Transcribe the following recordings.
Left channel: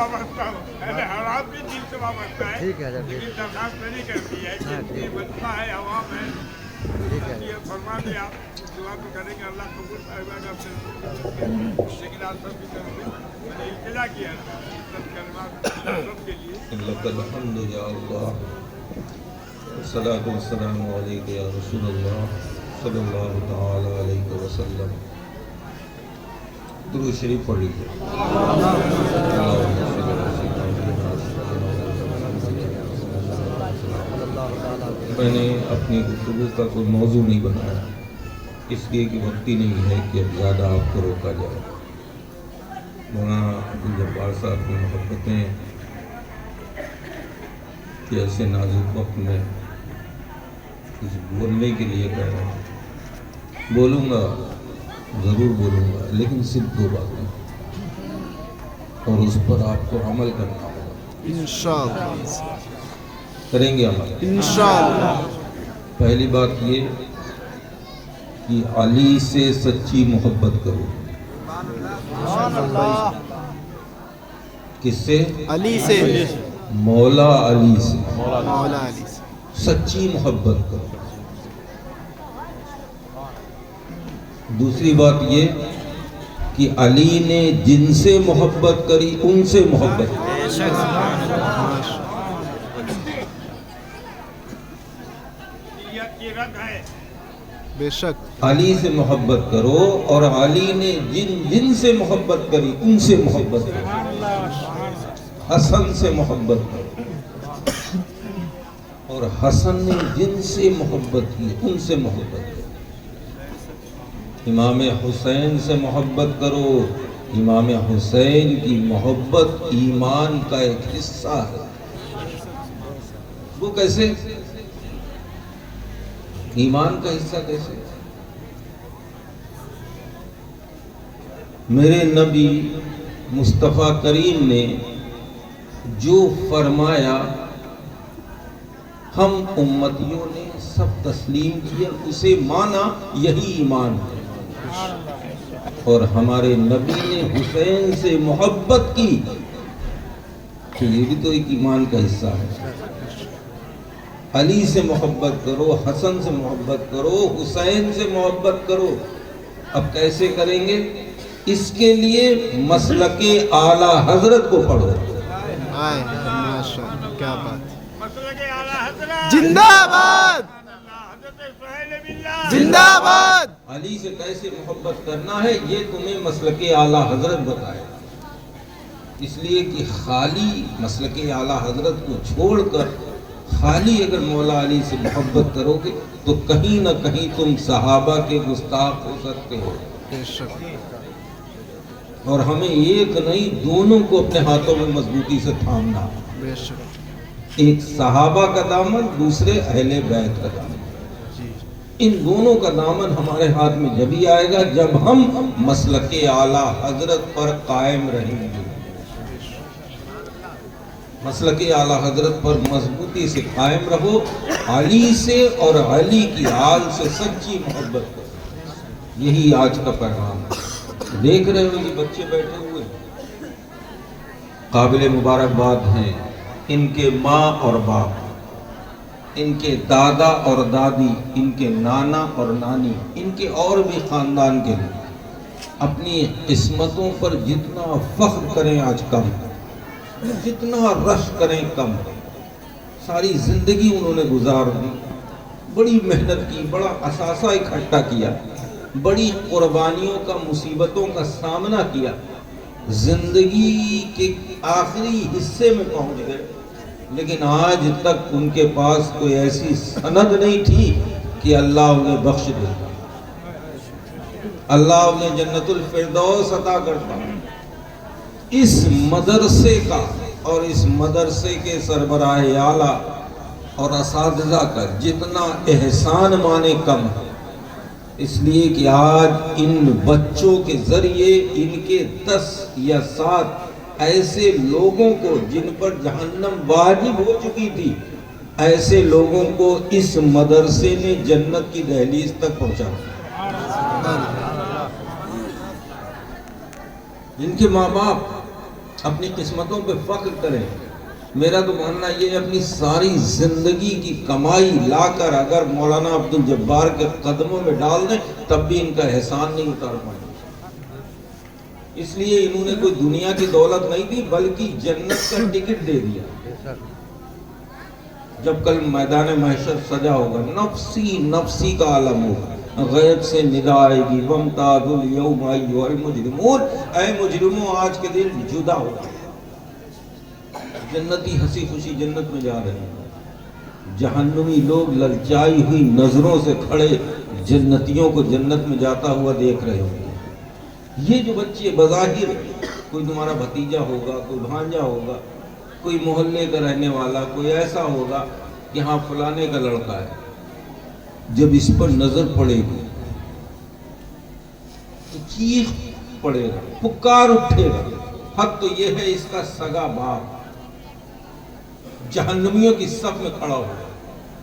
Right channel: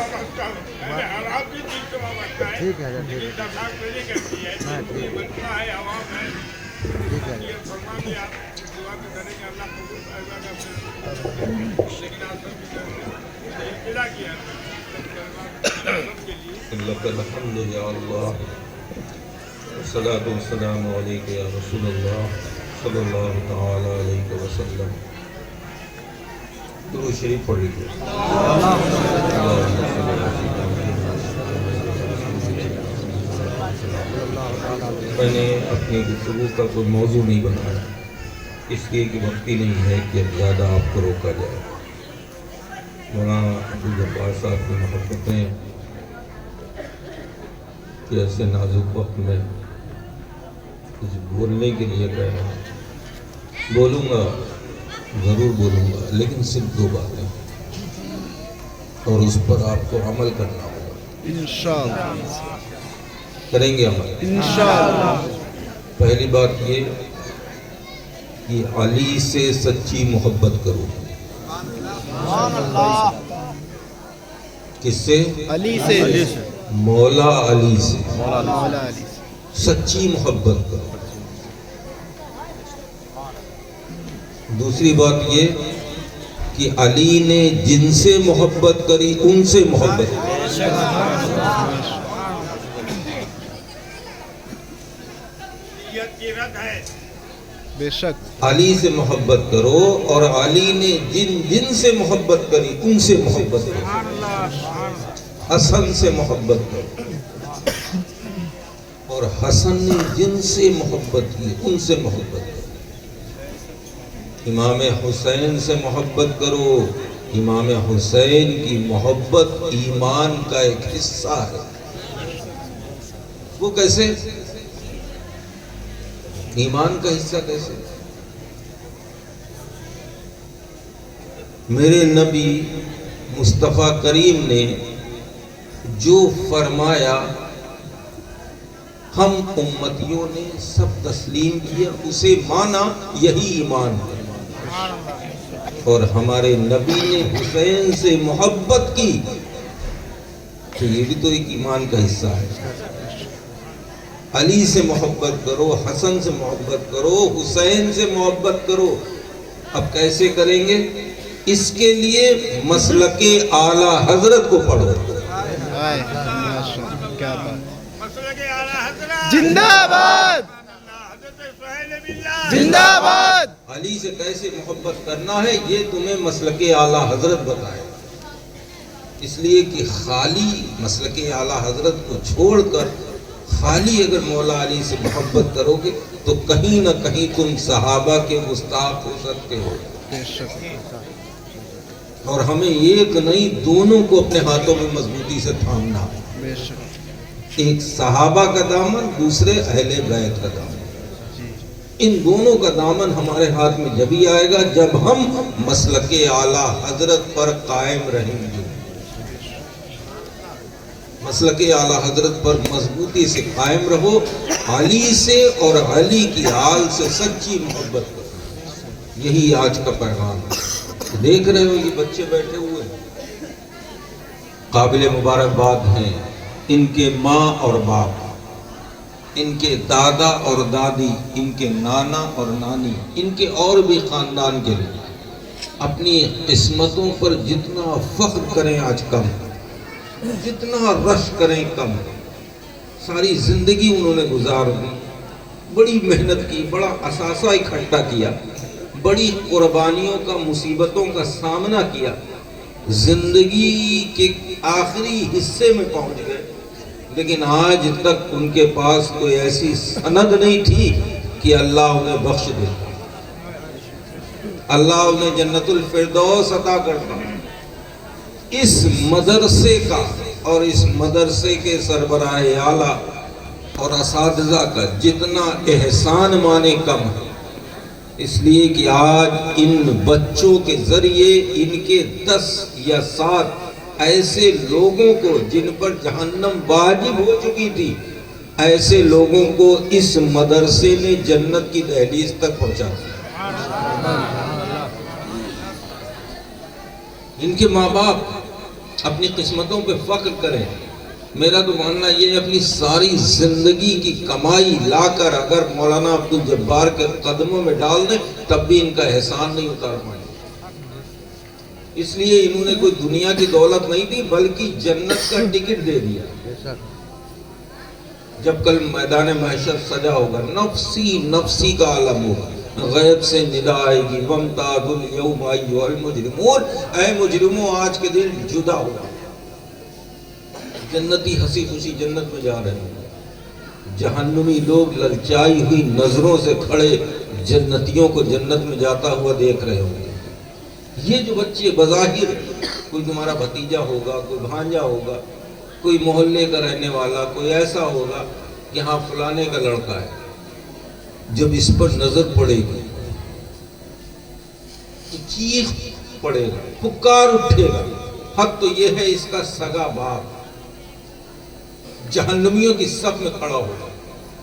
وابستہ ہو، پہلے حالات بھی دین سے وابستہ ہے، لیکن درخواست نہیں کرتی ہے، یہ مسئلہ ہے، عوام ہے، یہ فرما دیا، دعا تو کریں گے اللہ قبول کرے گا، پھر لیکن آپ سب کی طرف سے میں نے ابتدا کیا تھا سب کلمات سب کے لیے لک الحمد یا اللہ، الصلاۃ والسلام علیک یا رسول اللہ صلی اللہ تعالی علیہ وسلم۔ درود شریف پڑھ لیجیے۔ میں نے اپنی گفتگو کا کوئی موضوع نہیں بنایا، اس لیے کہ وقت ہی نہیں ہے کہ اب زیادہ آپ کو روکا جائے۔ مولانا عبدالجبار صاحب کی محبتیں کہ ایسے نازک وقت میں کچھ بولنے کے لیے کہہ رہا ہوں، بولوں گا ضرور بولوں گا، لیکن صرف دو باتیں، اور اس پر آپ کو عمل کرنا ہوگا۔ انشاءاللہ کریں گے عمل انشاءاللہ۔ پہلی بات یہ کہ علی سے سچی محبت کرو۔ کس سے؟ علی سے، مولا علی سے مولا علی سے۔ سچی محبت کرو۔ دوسری بات یہ کہ علی نے جن سے محبت کری ان سے محبت کرو۔ نیت کی رد ہے، بے شک علی سے محبت کرو، اور علی نے جن سے محبت کری ان سے محبت کرو۔ حسن سے محبت کرو، اور حسن نے جن سے محبت کی ان سے محبت کرو۔ امام حسین سے محبت کرو، امام حسین کی محبت ایمان کا ایک حصہ ہے۔ وہ کیسے؟ ایمان کا حصہ کیسے؟ میرے نبی مصطفیٰ کریم نے جو فرمایا ہم امتیوں نے سب تسلیم کیا، اسے مانا، یہی ایمان ہے۔ اور ہمارے نبی نے حسین سے محبت کی تو یہ بھی تو ایک ایمان کا حصہ ہے۔ علی سے محبت کرو، حسن سے محبت کرو، حسین سے محبت کرو۔ اب کیسے کریں گے؟ اس کے لیے مسلک اعلیٰ حضرت کو پڑھو۔ آئے ماشاءاللہ، کیا بات، مسلک اعلیٰ حضرت زندہ آباد، حضرت سہیل باللہ زندہ آباد۔ علی سے کیسے محبت کرنا ہے یہ تمہیں مسلک اعلیٰ حضرت بتائے گا۔ اس لیے کہ خالی مسلک اعلیٰ حضرت کو چھوڑ کر خالی اگر مولا علی سے محبت کرو گے تو کہیں نہ کہیں تم صحابہ کے گستاخ ہو سکتے ہو۔ بے شک اور ہمیں ایک نہیں، دونوں کو اپنے ہاتھوں میں مضبوطی سے تھامنا ہے۔ بے شک ایک صحابہ کا دامن، دوسرے اہل بیت کا دامن۔ ان دونوں کا دامن ہمارے ہاتھ میں جبھی آئے گا جب ہم مسلک اعلیٰ حضرت پر قائم رہیں گے۔ مسلک اعلیٰ حضرت پر مضبوطی سے قائم رہو، علی سے اور علی کی آل سے سچی محبت کرو۔ یہی آج کا پیغام ہے۔ دیکھ رہے ہو یہ بچے بیٹھے ہوئے قابل مبارکباد ہیں، ان کے ماں اور باپ، ان کے دادا اور دادی، ان کے نانا اور نانی، ان کے اور بھی خاندان کے لوگ اپنی قسمتوں پر جتنا فخر کریں آج کم، جتنا رش کریں کم۔ ساری زندگی انہوں نے گزار دی، بڑی محنت کی، بڑا اثاثہ اکٹھا کیا، بڑی قربانیوں کا، مصیبتوں کا سامنا کیا، زندگی کے آخری حصے میں پہنچ گئے، لیکن آج تک ان کے پاس کوئی ایسی سند نہیں تھی کہ اللہ انہیں بخش دیتا، اللہ انہیں جنت الفردوس عطا کرتا۔ اس مدرسے کا اور اس مدرسے کے سربراہ اعلیٰ اور اساتذہ کا جتنا احسان مانے کم ہے، اس لیے کہ آج ان بچوں کے ذریعے ان کے 10 یا 7 ایسے لوگوں کو جن پر جہنم واجب ہو چکی تھی، ایسے لوگوں کو اس مدرسے نے جنت کی دہلیز تک پہنچا دیا۔ ان کے ماں باپ اپنی قسمتوں پہ فخر کریں. میرا تو ماننا یہ ہے اپنی ساری زندگی کی کمائی لا کر اگر مولانا عبدالجبار کے قدموں میں ڈال دیں تب بھی ان کا احسان نہیں اتار پائیں. اس لیے انہوں نے کوئی دنیا کی دولت نہیں دی بلکہ جنت کا ٹکٹ دے دیا. جب کل میدان محشر سجا ہوگا نفسی نفسی کا عالم ہوگا, غیب سے ندا آئے گی وامتازوا اليوم ایھا المجرمون, اے مجرموں آج کے دن جدا ہوگا. جنتی ہنسی خوشی جنت میں جا رہے ہیں, جہنمی لوگ للچائی ہوئی نظروں سے کھڑے جنتیوں کو جنت میں جاتا ہوا دیکھ رہے ہوں گے. یہ جو بچے بظاہر کوئی تمہارا بھتیجا ہوگا, کوئی بھانجا ہوگا, کوئی محلے کا رہنے والا, کوئی ایسا ہوگا کہ ہاں فلانے کا لڑکا ہے, جب اس پر نظر پڑے گی تو چیخ پڑے گا, پکار اٹھے گا. حق تو یہ ہے اس کا سگا باپ جہنمیوں کی صف میں کھڑا ہوگا,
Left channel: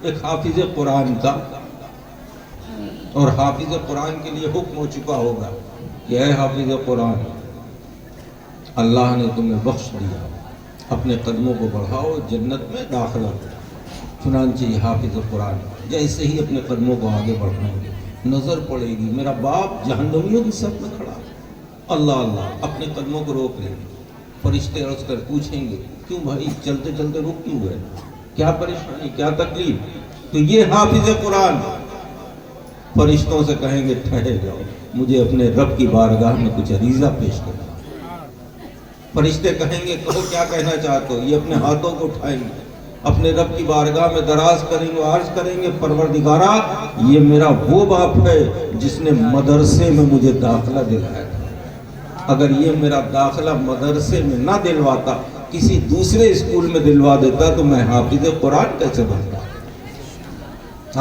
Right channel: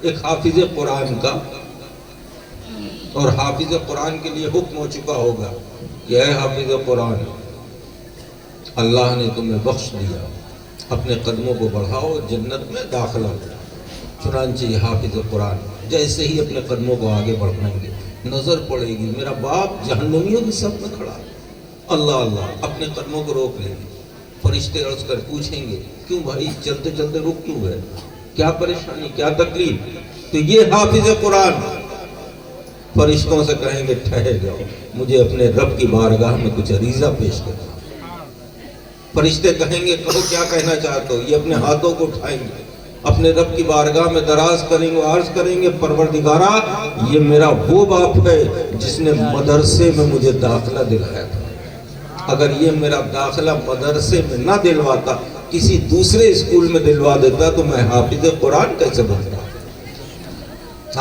ایک حافظ قرآن کا, اور حافظ قرآن کے لیے حکم ہو چکا ہوگا کہ اے حافظ قرآن, اللہ نے تمہیں بخش دیا, اپنے قدموں کو بڑھاؤ, جنت میں داخلہ دو. چنانچہ یہ حافظ قرآن جیسے ہی اپنے قدموں کو آگے بڑھائیں گے نظر پڑے گی میرا باپ جہنمیوں کی صف میں کھڑا ہے. اللہ اللہ اپنے قدموں کو روک لیں گے. فرشتے عرض کر پوچھیں گے کیوں بھائی چلتے چلتے رک کیوں گئے, کیا پریشانی, کیا تکلیف؟ تو یہ حافظ قرآن فرشتوں سے کہیں گے ٹھہر جاؤ, مجھے اپنے رب کی بارگاہ میں کچھ عریضہ پیش کرنا. فرشتے کہیں گے کہو کیا کہنا چاہتے ہو. یہ اپنے ہاتھوں کو اٹھائیں گے, اپنے رب کی بارگاہ میں دراز کریں گے, عرض کریں گے پروردگارا یہ میرا وہ باپ ہے جس نے مدرسے میں مجھے داخلہ دلایا تھا. اگر یہ میرا داخلہ مدرسے میں نہ دلواتا, کسی دوسرے اسکول میں دلوا دیتا تو میں حافظ قرآن کیسے بنتا.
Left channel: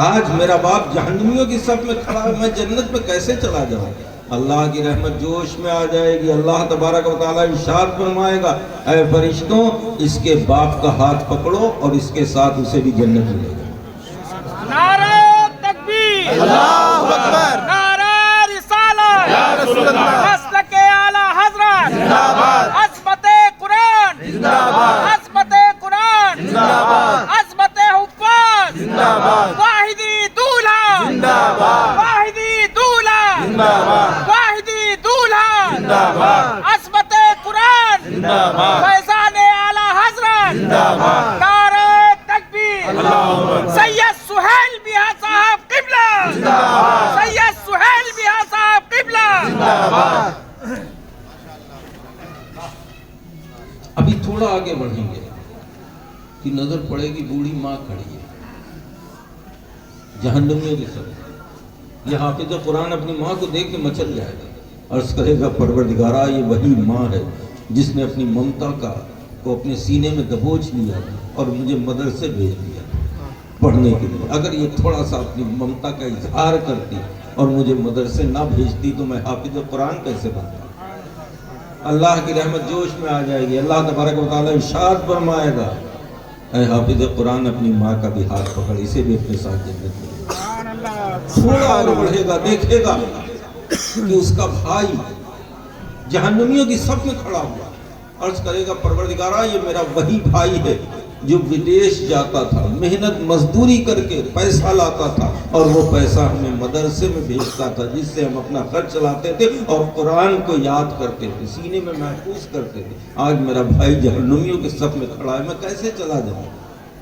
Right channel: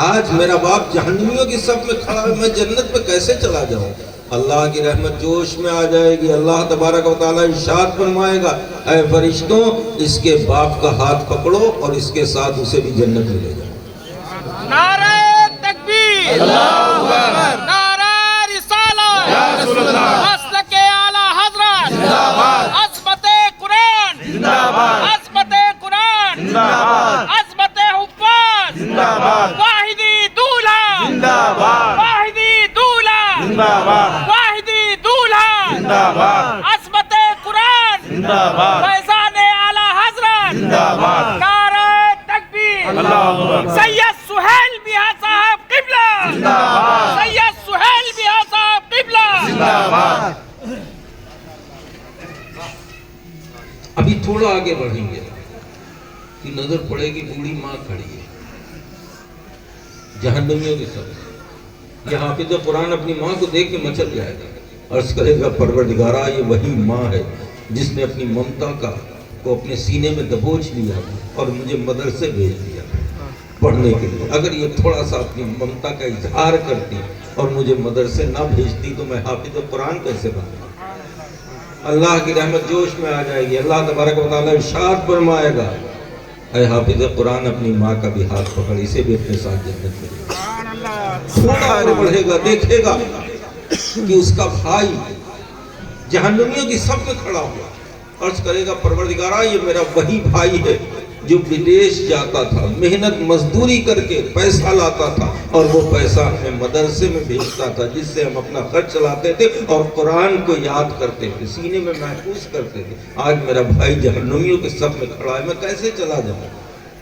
آج میرا باپ جہنمیوں کی صف میں کھڑا ہے, میں جنت میں کیسے چلا جاؤں. اللہ کی رحمت جوش میں آ جائے گی. اللہ تبارک و تعالیٰ ارشاد فرمائے گا اے فرشتوں اس کے باپ کا ہاتھ پکڑو اور اس کے ساتھ اسے بھی جنت ملے گا. نعرہ تکبیر, اللہ اکبر, نعرہ رسالت, یا رسول اللہ, مسلک اعلی حضرت, زندہ باد, عظمت قرآن, زندہ باد, عظمت قرآن, زندہ باد, عظمت حفاظ, زندہ باد, واحدی دولہا, زندہ باد, واحدی دولہا, زندہ باد, واحدی دولہا, زندہ باد, عظمت قرآن, زندہ باد, فیضان اعلی حضرت, زندہ باد, نعرہ تکبیر, اللہ اکبر, سید سہیل میاں صاحب قبلہ, زندہ باد, سید سہیل میاں صاحب قبلہ. زندہ باد. ابھی تھوڑا آگے بڑھیں گے کہ نظر پڑے گی بوڑھی ماں کھڑی ہے جہنمیوں کی صف. یہ حافظ قرآن اپنی ماں کو دیکھ کے مچل جائے گا, عرض کرے گا پروردگارا یہ وہی ماں ہے جس نے اپنی ممتا کو اپنے سینے میں دبوچ لیا اور مجھے مدرسے بھیج دیا پڑھنے کے لیے. اگر یہ تھوڑا سا اپنی ممتا کا اظہار کرتی اور مجھے مدرسے نہ بھیجتی تو میں حافظ قرآن کیسے بنتا. اللہ کی رحمت جوش میں آ جائے گی. اللہ تبارک و تعالیٰ ارشاد فرمائے گا اے حافظ قرآن اپنی ماں کا بھی ہاتھ پکڑ, اسے بھی اپنے ساتھ جنت میں لے. تھوڑا اور بڑھے گا, دیکھے گا کہ اس کا بھائی جہنمیوں کی صف میں کھڑا ہوا, عرض کرے گا پروردگارا یہ میرا وہی بھائی ہے جو بدیش جاتا تھا, محنت مزدوری کر کے پیسہ لاتا تھا اور وہ پیسہ ہمیں مدرسے میں بھیجتا تھا جس سے ہم اپنا خرچ چلاتے تھے اور قرآن کو یاد کرتے تھے, سینے میں محفوظ کرتے تھے. آج میرا بھائی جہنمیوں کے صف میں کھڑا ہے, میں کیسے چلا جاؤں.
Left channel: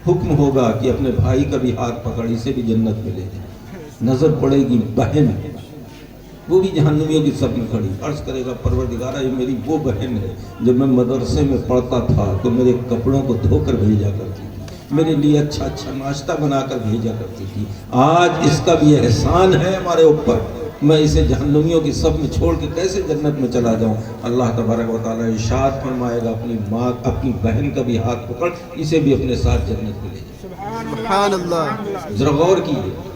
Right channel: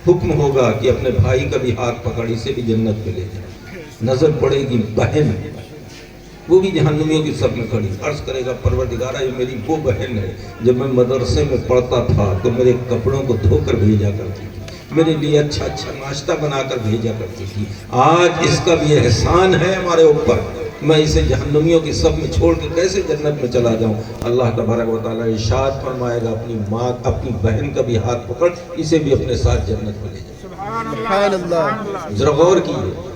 حکم ہوگا کہ اپنے بھائی کا بھی ہاتھ پکڑ, اسے بھی جنت میں لے جائے. نظر پڑے گی بہن, وہ بھی جہنمیوں کی صف میں کھڑی, عرض کرے گا پروردگارا یہ میری وہ بہن ہے جب میں مدرسے میں پڑھتا تھا تو میرے کپڑوں کو دھو کر بھیجا کرتی تھی, میرے لیے اچھا اچھا ناشتہ بنا کر بھیجا کرتی تھی. آج اس کا بھی احسان ہے ہمارے اوپر, میں اسے جہنمیوں کی صف میں چھوڑ کے کیسے جنت میں چلا جاؤں. اللہ تبارک و تعالیٰ ارشاد فرمائے گا اپنی ماں اپنی بہن کا بھی ہاتھ پکڑ, اسے بھی اپنے ساتھ جنت میں لے جائے. سبحان اللہ. ذرا غور کیجیے,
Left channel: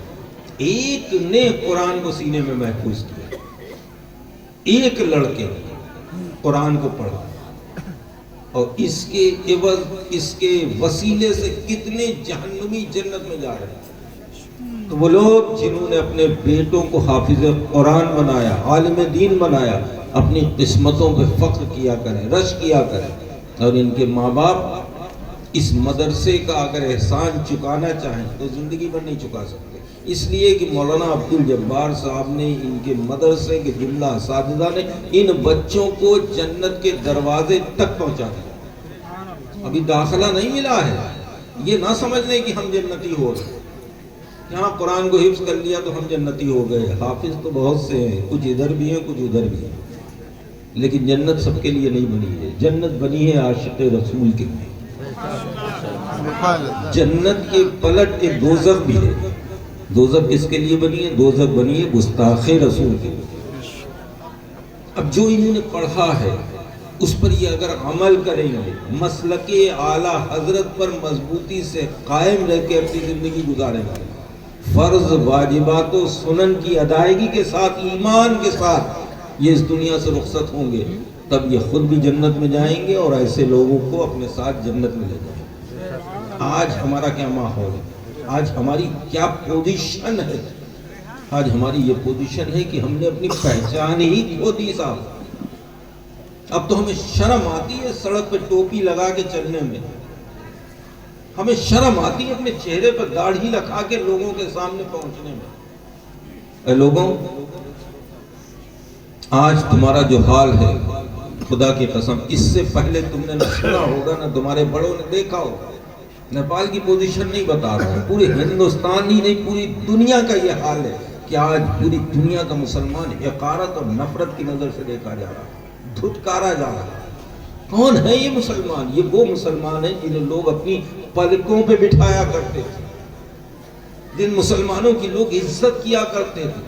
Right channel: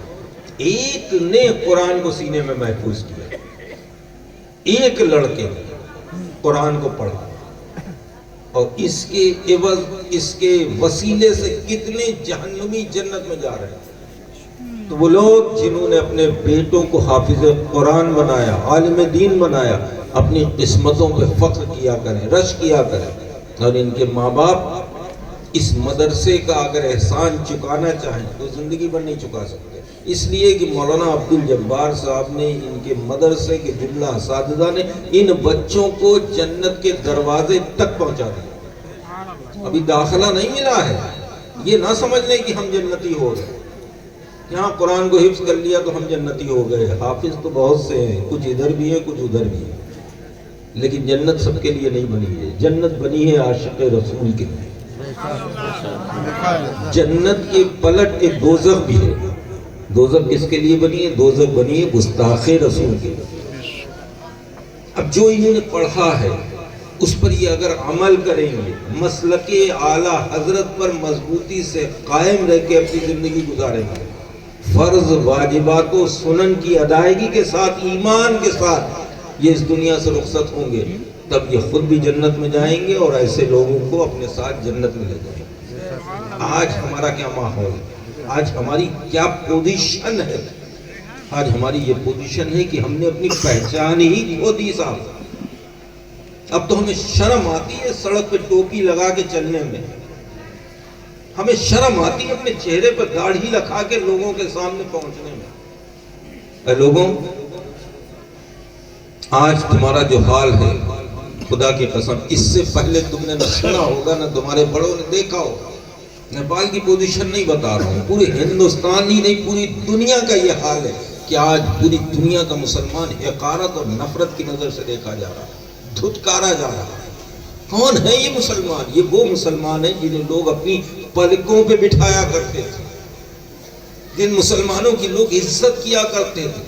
ایک نے قرآن کو سینے میں محفوظ کیا, ایک لڑکے نے قرآن کو پڑھا اور اس کے عوض اس کے وسیلے سے کتنے جہنمی جنت میں جا رہے ہیں. تو وہ لوگ جنہوں نے اپنے بیٹوں کو حافظ قرآن بنایا, عالم دین بنایا, اپنی قسمتوں پہ فخر کیا کریں, رش کیا کریں. اور ان کے ماں باپ اس مدرسے کا اگر احسان چکانا چاہیں تو زندگی بھر نہیں چکا سکتے، اس لیے کہ مولانا عبد الجبار صاحب نے ان کے مدرسے کے جملہ اساتذہ نے ان بچوں کو جنت کے دروازے تک پہنچا دیا۔ ابھی داخلہ نہیں ملا ہے، یہ نہ سمجھ لیں کہ ہم جنتی ہو گئے، یہاں قرآن کو حفظ کر لیا تو ہم جنتی ہو گئے۔ حافظ تو بہت سے ہیں، کچھ ادھر بھی ہیں کچھ ادھر بھی ہیں، لیکن جنت سب کے لیے نہیں بنی ہے، جنت بنی ہے عاشق رسول کے لیے۔ جنت کے پلٹ ایک دوزخ بھی ہے، دوزخ کس کے لیے بنی ہے؟ دوزخ بنی ہے گستاخ رسول کے لیے۔ اب جو انہوں نے پڑھا ہے اس پر یہ اگر عمل کریں گے، مسلک اعلیٰ حضرت پر مضبوطی سے قائم رہ کے اپنی زندگی گزاریں گے، فرض واجبات و سنن کی ادائیگی کے ساتھ، ایمان کے ساتھ یہ اس دنیا سے رخصت ہوں گے، تب یہ خود بھی جنت میں جائیں گے اور ایسے لوگوں کو اپنے ساتھ جنت میں لے جائیں گے۔ آج ہمارا کیا ماحول ہے، آج ہماری کیا پوزیشن ہے؟ آج ہماری یہ پوزیشن ہے کہ ہم نے اپنی پہچان ہی کھو دی صاحب۔ اب تو ہمیں شرم آتی ہے سڑک پہ ٹوپی لگا کے چلنے میں، ہمیں شرم آتی ہے اپنے چہرے پر داڑھی لگا کے لوگوں کے سامنے پہنچنے میں۔ اے لوگوں، آج تمہارا جو حال ہے، خدا کی قسم اس سے پہلے تم نے نہ سنا ہوگا نہ تمہارے بڑوں نے دیکھا ہوگا۔ نیپال کی پوزیشن نہیں بتا رہا ہوں، پورے ہندوستان ہی نہیں پوری دنیا کا یہ حال ہے کہ آج پوری دنیا کا مسلمان حقارت اور نفرت کی نظر سے دیکھا جا رہا ہے، دھتکارا جا رہا ہے۔ کون ہے یہ مسلمان؟ یہ وہ مسلمان ہیں جنہیں لوگ اپنی پلکوں پہ بٹھایا کرتے تھے، جن مسلمانوں کی لوگ عزت کیا کرتے تھے،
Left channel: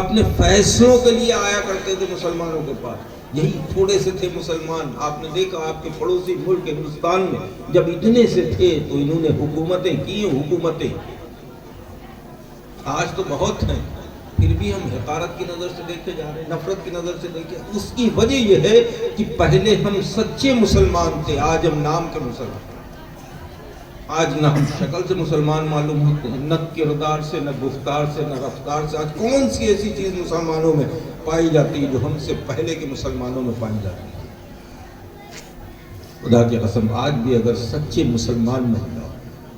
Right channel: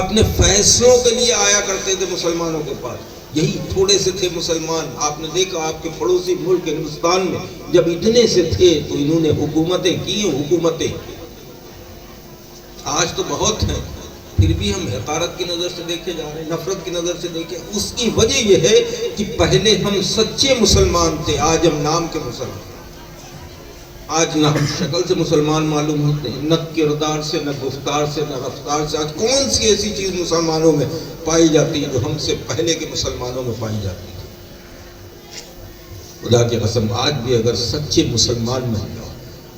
اپنے فیصلوں کے لیے آیا کرتے تھے مسلمانوں کے پاس۔ یہی تھوڑے سے تھے مسلمان، آپ نے دیکھا آپ کے پڑوسی ملک ہندوستان میں جب اتنے سے تھے تو انہوں نے حکومتیں کی، حکومتیں۔ آج تو بہت ہیں، پھر بھی ہم حقارت کی نظر سے دیکھے جا رہے ہیں، نفرت کی نظر سے دیکھے۔ اس کی وجہ یہ ہے کہ پہلے ہم سچے مسلمان تھے، آج ہم نام کے مسلمان۔ آج نہ ہم شکل سے مسلمان معلوم ہوتے ہیں، نہ کردار سے، نہ گفتار سے، نہ رفتار سے۔ آج کون سی ایسی چیز مسلمانوں میں پائی جاتی ہے جو ہم سے پہلے کے مسلمانوں میں پائی جاتی ہے؟ خدا کی قسم آج بھی اگر سچے مسلمان بن جاؤ،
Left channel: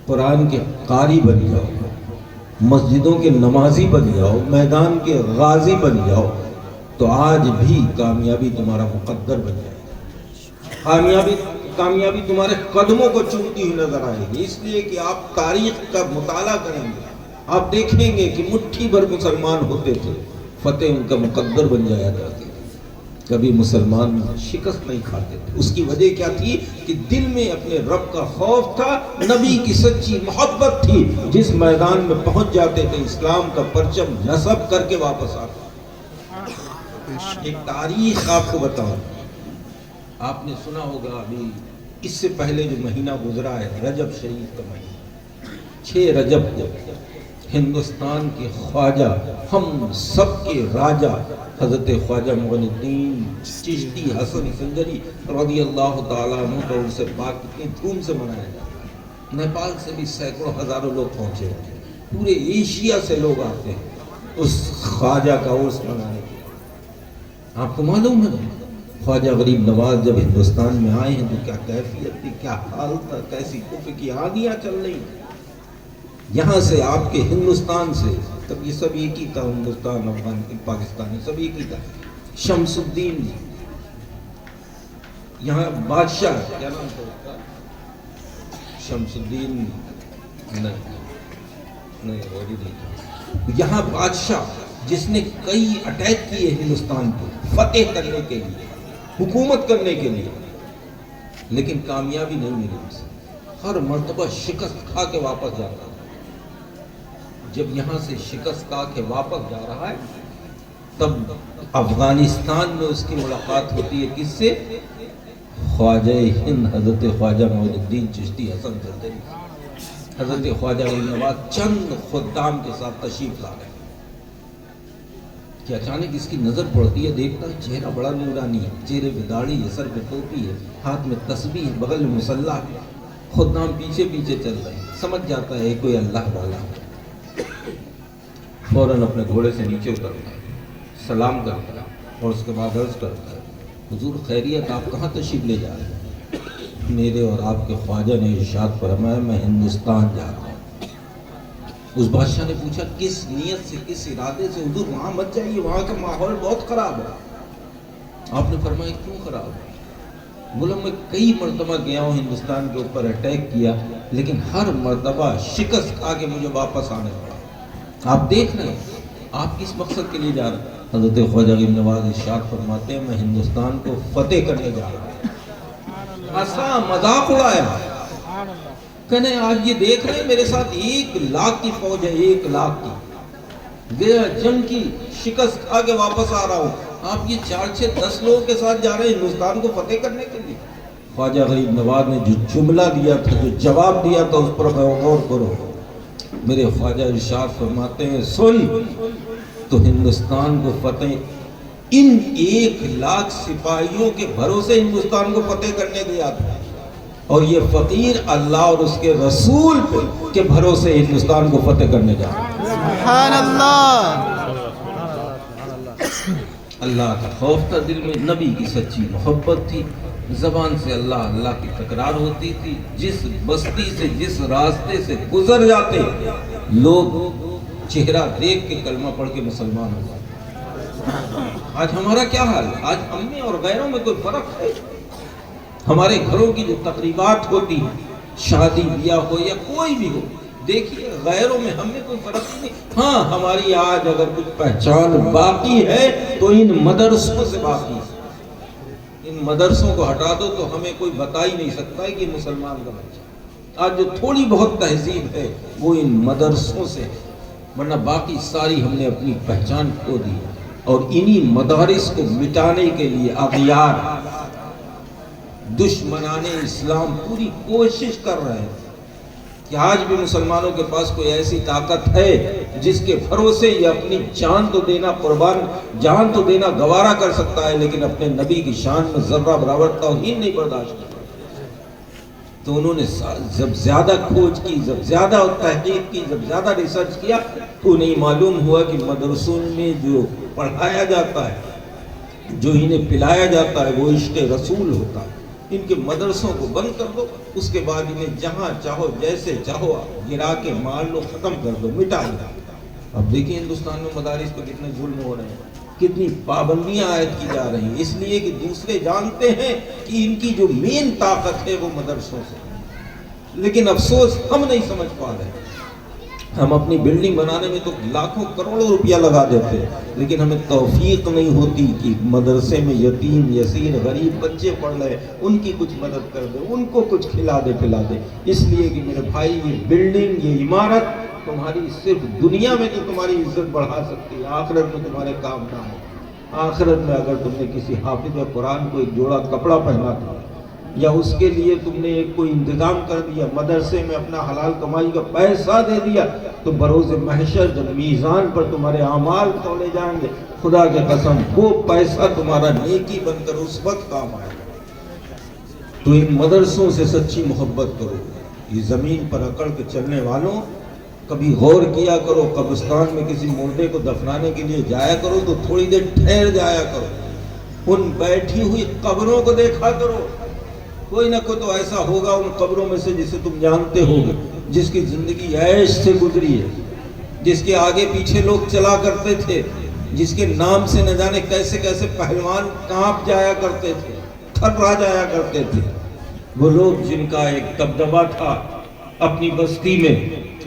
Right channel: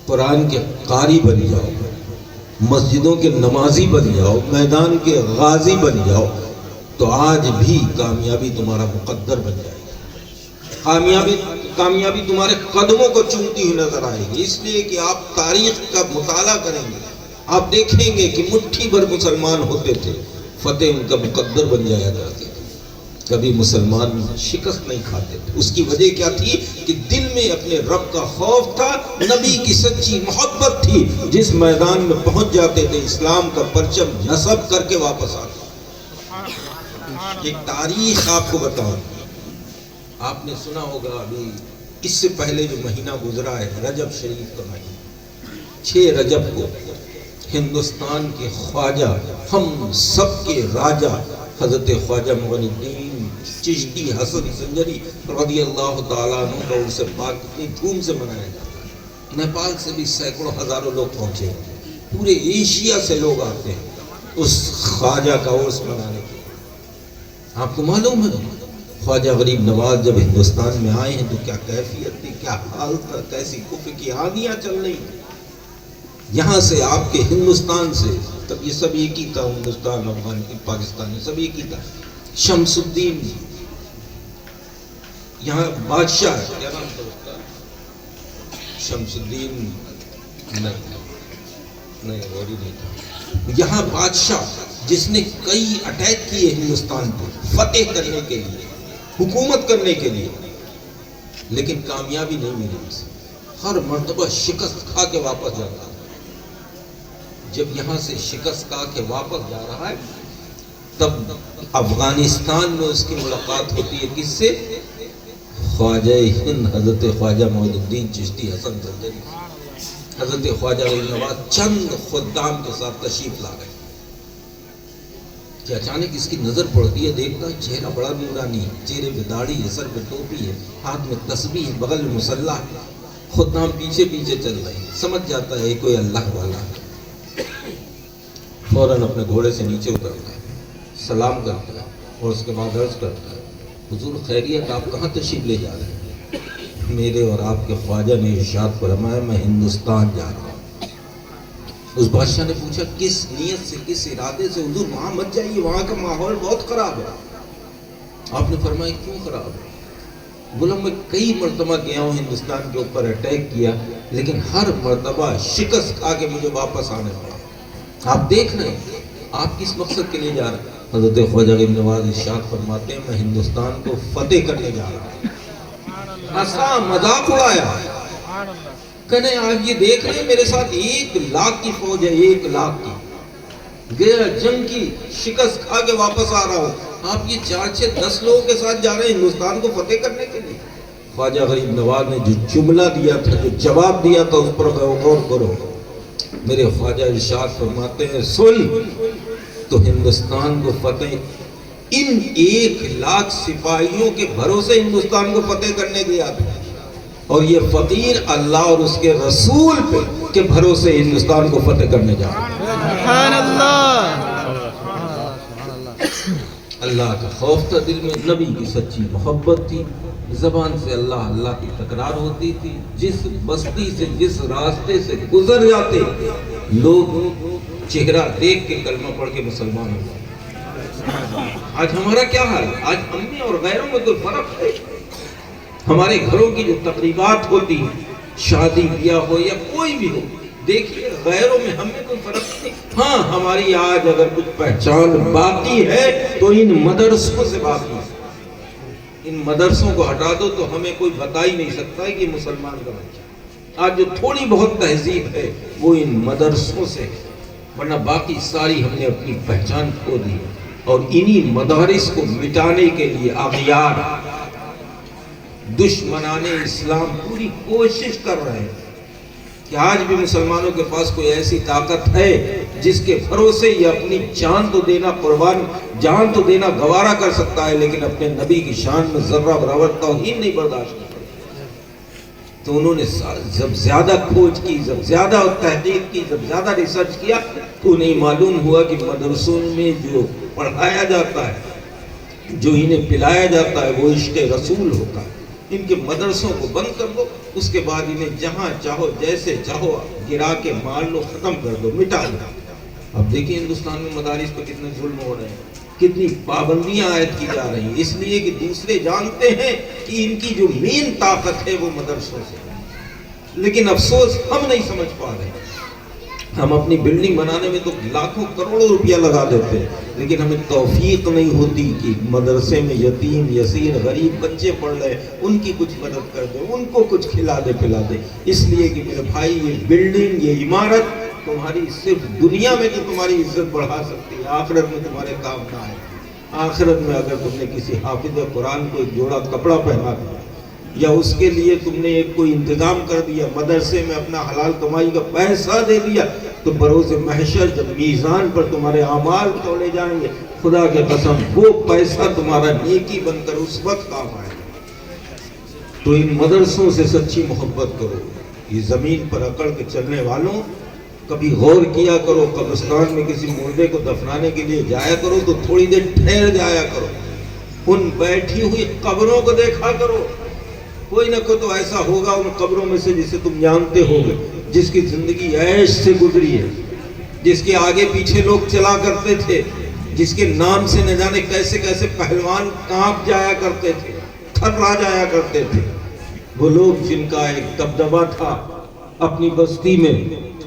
قرآن کے قاری بن جاؤ، مسجدوں کے نمازی بن جاؤ، میدان کے غازی بن جاؤ، تو آج بھی کامیابی تمہارا مقدر بن جائے گی۔ کامیابی تمہارے قدموں کو چومتی ہوئی نظر آئے گی، اس لیے کہ آپ تاریخ کا مطالعہ کریں گے، آپ دیکھیں گے کہ مٹھی بھر مسلمان ہوتے تھے، فتح ان کا مقدر بن جایا کرتے تھے، کبھی مسلمان شکست نہیں کھاتے تھے۔ اس کی وجہ کیا تھی کہ دل میں اپنے رب کا خوف تھا، نبی کی سچی محبت تھی، جس میدان میں پہنچ جاتے تھے اسلام کا پرچم نصب کر کے واپس آتے۔ ایک تاریخ آپ کو بتاؤں، آپ نے سنا ہوگا ابھی اس سے پہلے جو مہینہ گزرا ہے رجب شریف کا مہینہ، 6 رجب کو ہندوستان کے خواجہ، ہم سب کے راجہ حضرت خواجہ معین الدین چشتی حسن سنجری رضی اللہ تعالیٰ عنہ کا عرس پاک کتنی دھوم سے منایا جاتا ہے۔ نیپال سے بھی سینکڑوں ہزاروں لوگ پہنچے ہیں، پورے ایشیا سے لوگ آتے ہیں اس خواجہ کا عرس منانے کے لیے۔ آپ کو معلوم ہے خواجہ غریب نواز جب ہندوستان میں آئے ہیں تو کیا کیفیت تھی، کیا حال تھا، کیسی کفر کی آندیاں چل رہی تھیں یہاں سے، آپ کے ہندوستان سے۔ تب یہ سب ایک ہی تھا، ہندوستان پاکستان سب ایک ہی تھا۔ شمس الدین یہاں بادشاہ، کیا نام تھا اس کا؟ شمس الدین نہیں، وہ بھی نہیں تھا۔ یہاں بادشاہ جس نے کئی اٹیک کیے ہندوستان کو فتح کرنے کے لیے، حکومت کرنے کے لیے، لیکن کامیابی نہیں ملی اسے، ہر مرتبہ شکست کھا کے واپس جاتا ہے۔ جب یہاں سے شکست کھا کے واپس جا رہا ہے تب افغانستان میں اس کی ملاقات ہوتی ہے کس سے؟ خواجہ ہند حضرت خواجہ معین الدین چشتی حسن سنجری۔ حضرت خواجہ غریب نواز چند خدام کے ساتھ تشریف لا گئے کہ اچانک اس کی نظر پڑتی ہے، دیکھتا ہے چہرہ بڑا نورانی، چہرے پہ داڑھی ہے، سر پہ ٹوپی ہے، ہاتھ میں تسبیح ہے، بغل میں مصلی ہے، خدام پیچھے پیچھے چل رہے ہیں، سمجھ جاتا ہے کوئی اللہ والا ہے۔ فوراً اپنے گھوڑے سے نیچے اترتا ہے، سلام کرتا ہے اور اس کے بعد عرض کرتا ہے، حضور خیریت، آپ کہاں تشریف لے جا رہے ہیں؟ میرے اور آپ کے خواجہ نے ارشاد فرمایا میں ہندوستان جا رہا ہوں۔ اس بادشاہ نے پوچھا کس نیت سے، کس ارادے سے؟ حضور وہاں مت جائیے، وہاں کا ماحول بہت خراب ہے۔ آپ نے فرمایا کیوں خراب ہے؟ بولا میں کئی مرتبہ گیا ہوں ہندوستان کے اوپر اٹیک کیا، لیکن ہر مرتبہ شکست کھا کے مجھے واپس آنے پڑا۔ آپ دیکھ رہے ہیں آپ کس مقصد کے لیے جا رہے ہیں؟ حضرت خواجہ غریب نواز ارشاد فرماتے ہیں میں ہندوستان کو فتح کرنے جا رہا ہوں۔ ہنسا، مذاق اڑایا، کہنے آج یہ دیکھ رہے ہیں میرے ساتھ 1,00,000 کی فوج ہے، 1,00,000 کی، گیا جنگ کی شکست کھا کے واپس آ رہا ہوں، آپ یہ 4-6-10 لوگوں کے ساتھ جا رہے ہیں ہندوستان کو فتح کرنے کے لیے۔ خواجہ غریب نواز نے جو جملہ دیا تھا، جو جواب دیا تھا، اس پر غور کرو۔ میرے خواجہ ارشاد فرماتے ہیں سن، تو ہندوستان کو فتح ان 1,00,000 سپاہیوں کے بھروسے ہندوستان کو فتح کرنے دیا تھا، اور یہ فقیر اللہ اور اس کے رسول پہ کے بھروسے ہندوستان کو فتح کرنے جا رہا ہے۔ سبحان اللہ۔ اللہ کا خوف تھا دل میں، نبی کی سچی محبت تھی، زبان سے اللہ اللہ کی تکرار ہوتی تھی، جس بستی سے جس راستے سے گزر جاتے لوگ چہرہ دیکھ کے کلمہ پڑھ کے مسلمان ہو جاتے۔ آج ہمارا کیا حال ہے؟ آج ہم میں اور غیروں میں تو فرق ہے۔ ہمارے گھروں کی جو تقریبات ہوتی ہیں، شادی بیاہ ہو یا کوئی بھی ہو، دیکھیے غیروں میں ہم میں کوئی فرق نہیں۔ ہاں ہماری آج اگر کچھ پہچان باقی ہے تو ان مدرسوں سے باقی ہے۔ ان مدرسوں کو ہٹا دو تو ہمیں کوئی بتا ہی نہیں سکتا ہے کہ مسلمان کا بچہ۔ آج جو تھوڑی بہت تہذیب ہے وہ ان مدرسوں سے ہے، ورنہ باقی ساری ہم نے اپنی پہچان کھو دی ہے۔ اور انہی مدارس کو مٹانے کے لیے اغیار دشمنان اسلام پوری کوشش کر رہے ہیں کہ آج بھی مسلمانوں کے پاس کوئی ایسی طاقت ہے جس کے بھروسے یہ اپنی جان تو دینا قربان، جان تو دینا گوارا کر سکتا ہے، لیکن اپنے نبی کی شان میں ذرہ برابر توہین نہیں برداشت کی۔ تو انہوں نے جب زیادہ کھوج کی، جب زیادہ تحقیق کی، جب زیادہ ریسرچ کیا تو انہیں معلوم ہوا کہ مدرسوں میں جو پڑھایا جاتا ہے، جو انہیں پلایا جاتا ہے وہ عشق رسول ہوتا ہے۔ ان کے مدرسوں کو بند کر دو، اس کے بعد انہیں جہاں چاہو جیسے چاہو گرا کے مار لو، ختم کر دو، مٹا دو۔ اب دیکھیں ہندوستان میں مدارس پر کتنے ظلم ہو رہے ہیں، کتنی پابندیاں عائد کی جا رہی ہیں، اس لیے کہ دوسرے جانتے ہیں کہ ان کی جو مین طاقت ہے وہ مدرسوں سے، لیکن افسوس ہم نہیں سمجھ پا رہے۔ ہم اپنی بلڈنگ بنانے میں تو لاکھوں کروڑوں روپیہ لگا دیتے ہیں، لیکن ہمیں توفیق نہیں ہوتی کہ مدرسے میں یتیم یسیر غریب بچے پڑھ رہے ہیں، ان کی کچھ مدد کر دے، ان کو کچھ کھلا دے پلا دے۔ اس لیے کہ میرے بھائی یہ بلڈنگ، یہ عمارت تمہاری صرف دنیا میں تو تمہاری عزت بڑھا سکتی ہے، آخرت میں تمہارے کام نہ آئے۔ آخرت میں اگر تم نے کسی حافظ قرآن کو ایک جوڑا کپڑا پہنا دیا، یا اس کے لیے تم نے ایک کوئی انتظام کر دیا، مدرسے میں اپنا حلال کمائی کا پیسہ دے دیا، تو بروز محشر جب میزان پر تمہارے اعمال تولے جائیں گے، خدا کے قسم وہ پیسہ تمہارا نیکی بن کر اس وقت کام آئے گا۔ تو ان مدرسوں سے سچی محبت کرو۔ یہ زمین پر اکڑ کے چلنے والوں، کبھی غور کیا کرو، قبرستان میں کسی مردے کو دفنانے کے لیے جایا کرو تو تھوڑی دیر ٹھہر جایا کرو، ان بیٹھی ہوئی قبروں کو دیکھا کرو۔ کوئی نہ کوئی تو ایسا ہوگا ان قبروں میں سے جسے تم جانتے ہوگے، جس کی زندگی عیش سے گزری ہے، جس کے آگے پیچھے لوگ چلا کرتے تھے، جس کے نام سے نہ جانے کیسے کیسے پہلوان کانپ جایا کرتے تھے، تھرا جایا کرتے تھے۔ وہ لوگ جن کا ایک دبدبہ تھا اپنی بستی میں،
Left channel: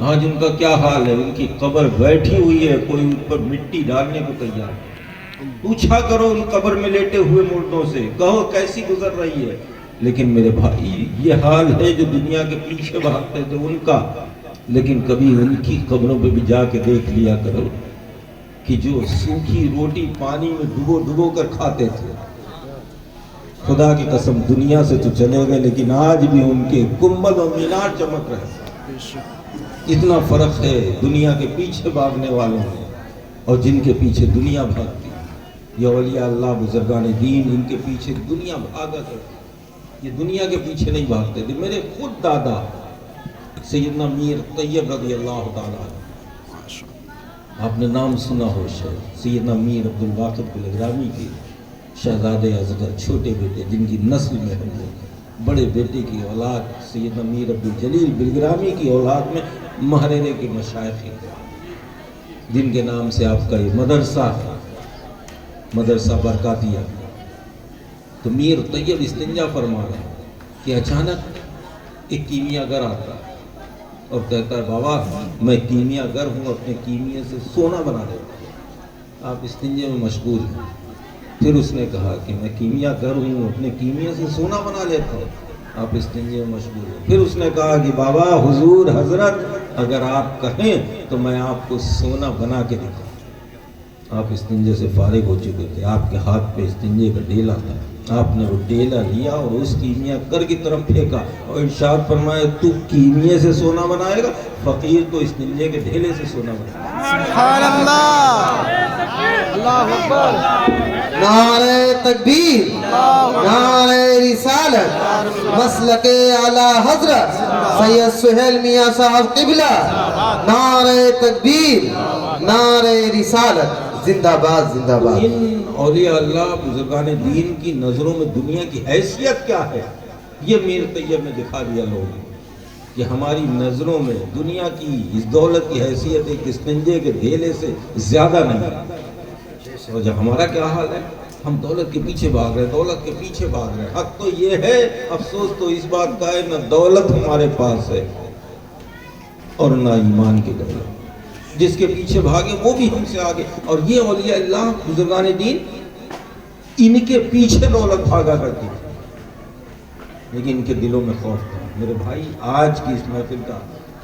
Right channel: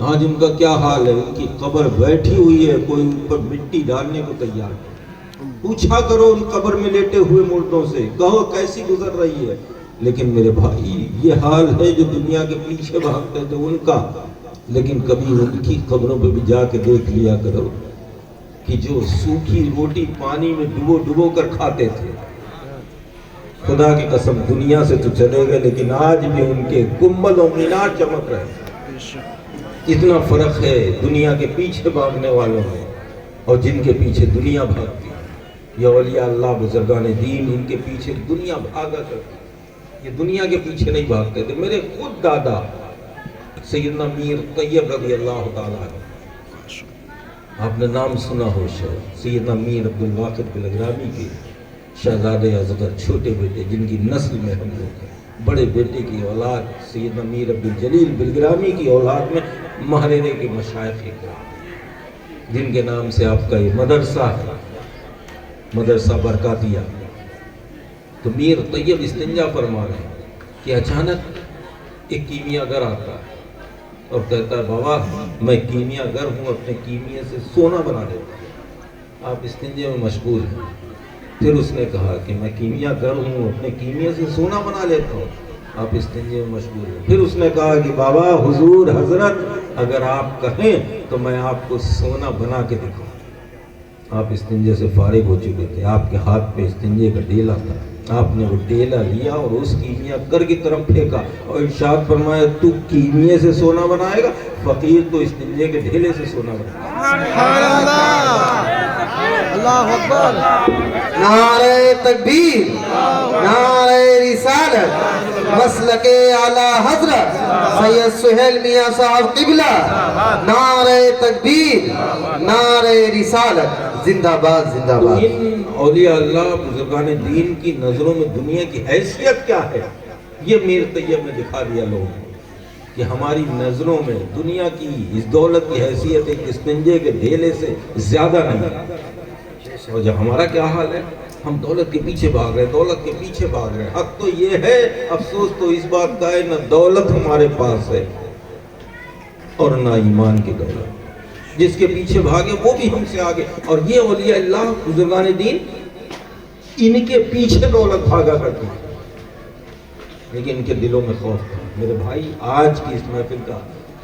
آج ان کا کیا حال ہے؟ ان کی قبر بیٹھی ہوئی ہے، کوئی ان پر مٹی ڈالنے کو تیار ہے۔ پوچھا کرو ان قبر میں لیٹے ہوئے مردوں سے، کہو کیسی گزر رہی ہے۔ لیکن میرے بھائی یہ حال ہے جو دنیا کے پیچھے بھاگتے تھے ان کا، لیکن کبھی ان کی قبروں پہ بھی جا کے دیکھ لیا کرو کہ جو سوکھی روٹی پانی میں ڈبو ڈبو کر کھاتے تھے، خدا کی قسم دنیا سے تو چلے گئے لیکن آج بھی ان کے گنبد اور مینار چمک رہے ہیں۔ اتنا فرق ہے دنیا کے پیچھے بھاگنے والوں میں اور جن کے پیچھے دنیا بھاگتی ہے۔ یہ اولیاء اللہ بزرگان دین، ان کے پیچھے دنیا بھاگا کرتی، یہ دنیا کے پیچھے نہیں بھاگتے تھے۔ میرے خود دادا سیدنا میر طیب رضی اللہ تعالیٰ، آپ نے نام سنا ہو شاید، سیدنا میر عبدالواقد بلگرامی کے شہزادے اصغر چھوٹے بیٹے، جن کی نسل میں ہم لوگ ہیں۔ بڑے بیٹے کی اولاد سیدنا میر عبدالجلیل بلگرامی کی اولاد میں محررے کے مشائخ جن کے نام سے آپ کا یہ مدرسہ ہے، مدرسہ برکاتیہ. تو میر طیب استنجا فرما رہے ہیں کہ اچانک ایک کیمیا گر آتا ہے اور کہتا ہے بابا میں کیمیا گر ہوں، اپنے کیمیا سے سونا بنا لیتا ہوں. آپ استنجے میں مشغول ہیں. پھر اس نے کہا کہ میں کیمیا گر ہوں، اپنے کیمیا سے سونا بنا لیتا ہوں. آپ استنجے میں مشغول ہیں. پھر اس نے کہا کہ بابا حضور حضرت اگر آپ کہیں تو میں آپ کو سونا بنا کے دکھاؤں. آپ استنجے سے فارغ ہو چکے تھے، آپ کے ہاتھ پہ استنجے کا ڈیلا تھا. آپ نے وہ ڈیلا لیا اور اس کیمیا گر کی طرف پھینکا اور ارشاد فرمایا تو کیمیا سے سونا بنائے گا، فقیر تو استنجے کے ڈھیلے سے سونا بنائے گا. سبحان اللہ. اللہ اکبر. نعرہ تکبیر، نعرہ رسالت، مسلک اعلی حضرت سید سہیل میاں صاحب قبلہ. نعرہ تکبیر، نعرہ رسالت، زندہ باد زندہ تو باد. ان اولیاء اللہ بزرگان دین کی نظروں میں دنیا کی حیثیت کیا ہے، یہ میر طیب نے دکھا دیا لوگوں کو کہ ہماری نظروں میں دنیا کی اس دولت کی حیثیت ایک استنجے کے ڈھیلے سے زیادہ نہیں ہے. اور جب ہمارا کیا حال ہے، ہم دولت کے پیچھے بھاگ رہے ہیں، دولت کے پیچھے بھاگ رہے ہیں. حق تو یہ ہے، افسوس تو اس بات کا ہے، نہ دولت ہمارے پاس ہے اور نہ ایمان کی دولت. جس کے پیچھے بھاگے وہ بھی ہم سے آگے. اور یہ اولیاء اللہ بزرگان دین ان کے پیچھے دولت بھاگا کرتی ہے، لیکن ان کے دلوں میں خوف تھا. میرے بھائی آج کی اس محفل کا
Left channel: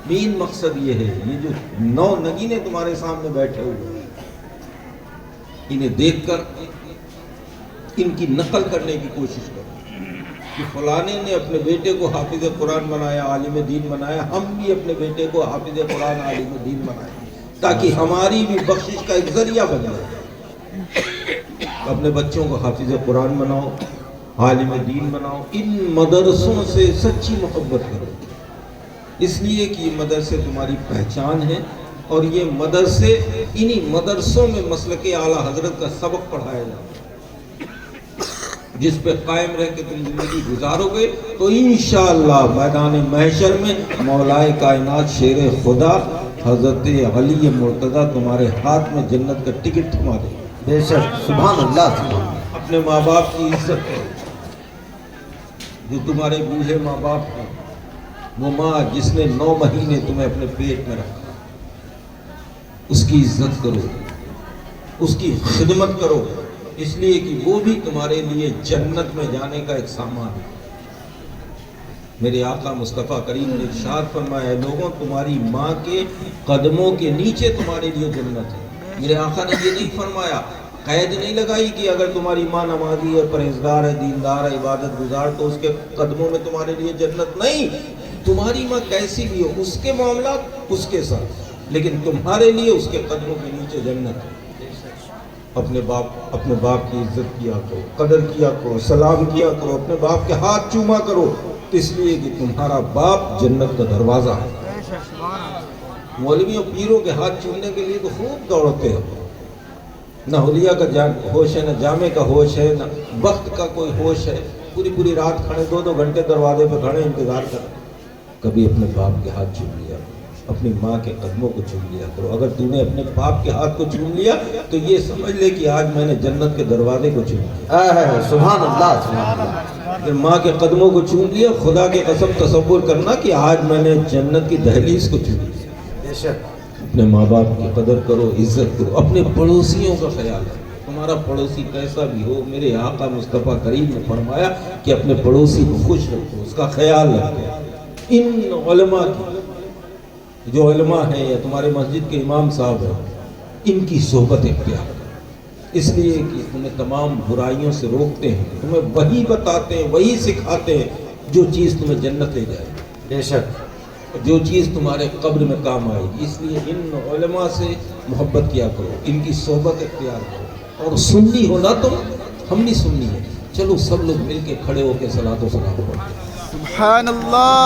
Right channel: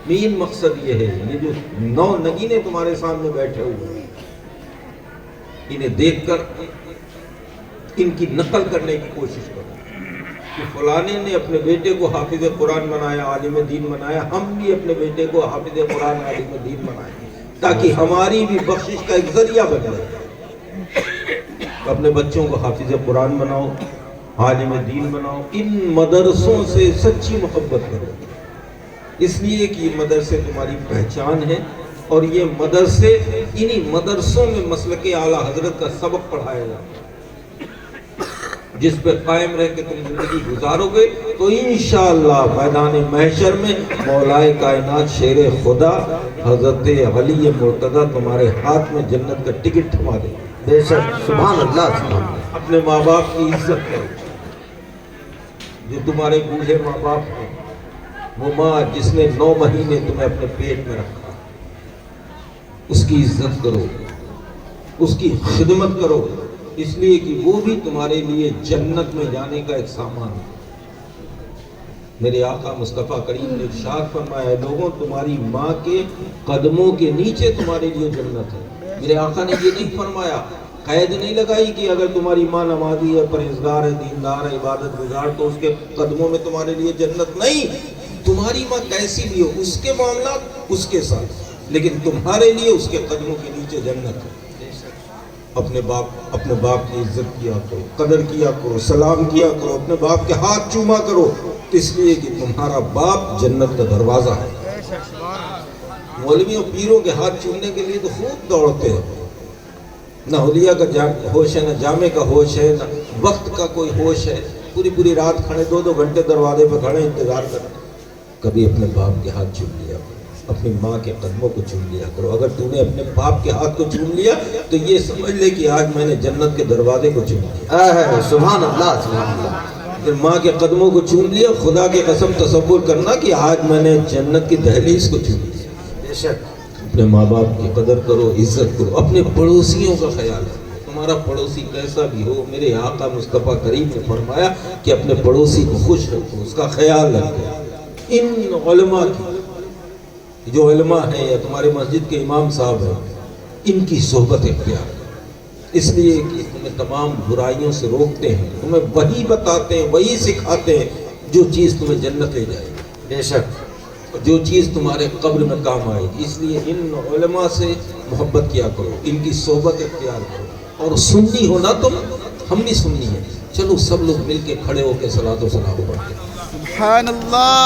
مین مقصد یہ ہے، یہ جو 9 نگینے تمہارے سامنے بیٹھے ہوئے ہیں انہیں دیکھ کر ان کی نقل کرنے کی کوشش کرو کہ فلانے نے اپنے بیٹے کو حافظ قرآن بنایا، عالم دین بنایا، ہم بھی اپنے بیٹے کو حافظ قرآن عالم دین بنائیں تاکہ ہماری بھی بخشش کا ایک ذریعہ بن جائے. اپنے بچوں کو حافظ قرآن بناؤ، عالم دین بناؤ. ان مدرسوں سے سچی محبت کرو، اس لیے کہ یہ مدرسے تمہاری پہچان ہے اور یہ مدرسے انہی مدرسوں میں مسلک اعلیٰ حضرت کا سبق پڑھایا جاتا ہے. جس پہ قائم رہ کے تم زندگی گزارو گے تو انشاءاللہ میدان محشر میں مولائے کائنات شیر خدا حضرت علی مرتضیٰ تمہارے ہاتھ میں جنت کا ٹکٹ تھما دے. بے شک. سبحان اللہ سبحان اللہ. اپنے ماں باپ کی عزت کرو. جو تمہارے بوڑھے ماں باپ ہیں، وہ ماں جس نے 9 مہینے تمہیں اپنے پیٹ میں رکھا، اس کی عزت کرو، اس کی خدمت کرو، اس لیے کہ وہ بھی تمہارے لیے جنت میں جانے کا ایک سامان ہے. میرے آقا مصطفیٰ کریم نے ارشاد فرمایا لوگوں تمہاری ماں کے قدموں کے نیچے تمہارے لیے جنت ہے. میرے آقا نے یہ نہیں فرمایا، قید نہیں لگائی کہ اگر تمہاری ماں نمازی ہے، پرہیزگار ہے، دیندار ہے، عبادت گزار تو اس کے قدموں میں تمہارے لیے جنت نہیں. تمہاری ماں کیسی بھی ہو اس کے معاملات اس کے ساتھ، لیکن تمہارے لیے اس کے قدموں کے نیچے جنت ہے. اپنے باپ کی عزت کیا کرو، قدر کیا کرو، سلام کیا کرو، اپنے باپ کے ہاتھ چوما کرو، اس لیے کہ تمہارا باپ جنت کا دروازہ ہے. مولویوں پیروں کے ہاتھ چومنے کے لیے تو خوب دوڑتے ہو. نہ اولیاء کا ہوش ہے، نہ جامع کا ہوش ہے، نہ وقت کا کوئی ہوش ہے. پوری رات کھڑے 2 گھنٹے دروازے پہ کھڑے انتظار کرتے. کبھی اپنے باپ کے ہاتھ چوم لیا، اپنی ماں کے قدموں کو چوم لیا کرو. اگر تم نے اپنے باپ کے ہاتھ کو چوم لیا تو یہ سمجھ لے کہ آج میں نے جنت کے دروازے کو چوم لیا. سبحان اللہ سبحان اللہ. اگر ماں کے قدموں کو چوم لیا، خدا کے قسم تصور کرنا کہ آج میں نے جنت کی دہلیز کو چوم لیا. بے شک. اپنے ماں باپ کی قدر کرو، عزت کرو. اپنے پڑوسیوں کا خیال رکھو. تمہارا پڑوسی کیسا بھی ہو، میرے آقا مصطفیٰ کریم نے فرمایا کہ اپنے پڑوسی کو خوش رکھو، اس کا خیال رکھو. ان علماء کی جو علماء ہیں یا تمہارے مسجد کے امام صاحب ہیں، ان کی صحبت اختیار کرو. اس لیے کہ تمہیں تمام برائیوں سے روکتے ہیں، تمہیں وہی بتاتے ہیں، وہی سکھاتے ہیں جو چیز تمہیں جنت لے جائے گی. بے شک. جو چیز تمہارے قبر میں کام آئے گی. اس لیے ان علماء سے محبت کیا کرو، ان کی صحبت اختیار کرو. اور سنی ہونا تم، ہم بھی سنی ہیں. چلو سب لوگ مل کے کھڑے ہو کے صلاۃ و سلام. سبحان اللہ.